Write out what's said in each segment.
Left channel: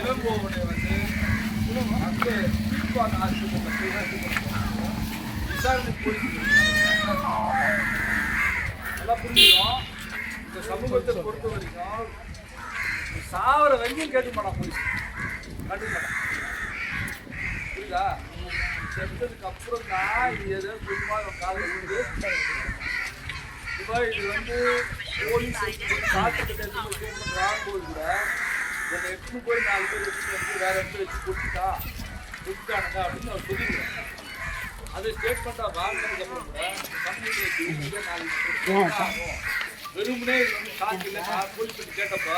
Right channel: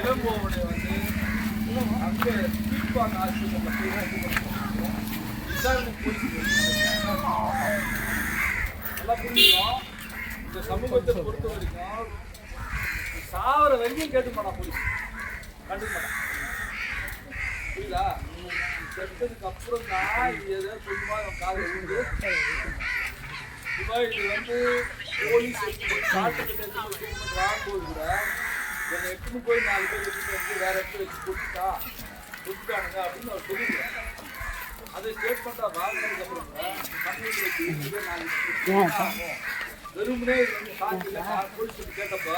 இளங்கோவனை வந்து அங்கே கீழ்ப்பாக்க ஆஸ்பத்திரியில் போய் விசாரணை போலீஸ் எல்லாம் புரிஞ்சுக்கணும். இந்த சமூகத்தை பொறுத்த வரைக்கும் சாவர வரைக்கும் கேட்க மாட்டான் போலீஸ், கண்டுக்க மாட்டான். புரியுதா? செத்ததுக்கு அப்புறம் தான் இது ஏதாவது கொஞ்சமா காலில் விழுந்து இப்போ இது வந்து போலீஸ் காட்டுக்கிட்ட ஸ்டேட்மெண்ட் வாங்கும்போது கூட என்னை எட்டுன்னு போய் 4 பேர் வச்சுட்டு வந்து வேற இடத்துல வச்சு கொடுத்துட்டானுங்க அப்படின்னு அவர் சொல்லிடுவாங்க. அது ஸ்டேட்மெண்ட்டாக வாங்கினதுக்கு அப்புறம் வெறுமனே இது வந்து ஷாக் இல்லை. போலீஸ் பற்றி கேட்டப்போ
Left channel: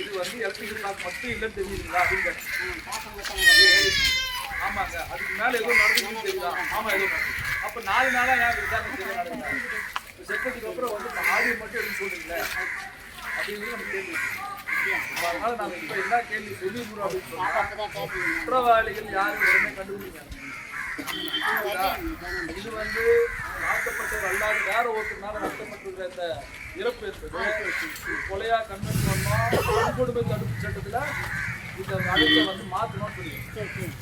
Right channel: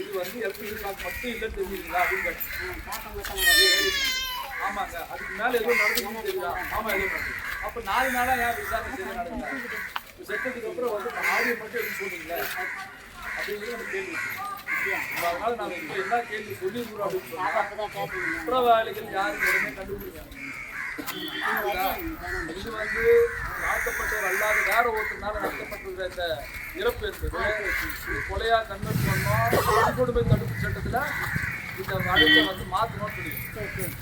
இது வந்து எலக்ட்ரிக்கல் ஷாக் மட்டும் இல்லைன்னு தெரிஞ்சுங்களா அப்படின்னு கேட்டேன். ஆமாங்க, அதுக்கு மேலே ஏதோ நடந்துச்சுன்னு தெரியுதா? ஆமாம், ஏதோ நடக்குது. அப்போ 4 நாளாக ஏன் விசாரணை செய்ய நடக்குது? செத்ததுக்கு அப்புறம் வந்து ஆடியோ மட்டும் எதுவும் சொல்லுங்களே அப்படிங்கிறது நம்ம கேள்வி. அதனால நாங்கள் இப்போ என்ன கேள்வி சொல்லிடுறோம் அப்படின்னு சொன்னா, குற்றவாளிகள் யாரும் உடனே கண்டுபிடிக்காங்க. இது வந்து தாக்கப்பட்டவர் அல்லாத வேற ஒருத்தனால நடத்தப்பட்டிருக்கிற இந்த இறப்பு என்பது கொலையா கன்வெர்ட் பண்ணோம். வன்கொடுமை தடுப்பு சட்டத்தில் இந்த வழக்கை வந்து மாற்றணும்னு சொல்லிடுவோம்.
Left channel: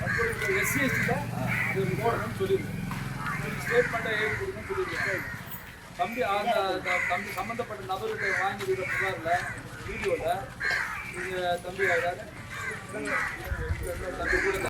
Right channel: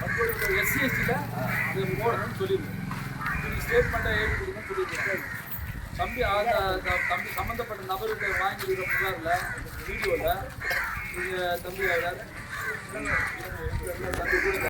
வன்கொடுமை SC/ST இது போடணும்னு சொல்லிடுவோம். ஸ்டேட்மெண்ட்டை எழுதி கொடுக்கணும்னு சொல்லிடுவோம். தம்பி தம்பி சம்மந்தப்பட்ட நபர்கிட்ட வாங்கியிருக்கிற புகாரில் வீடியோவில் நீங்கள் தம்பி யாராவது தம்பி கூட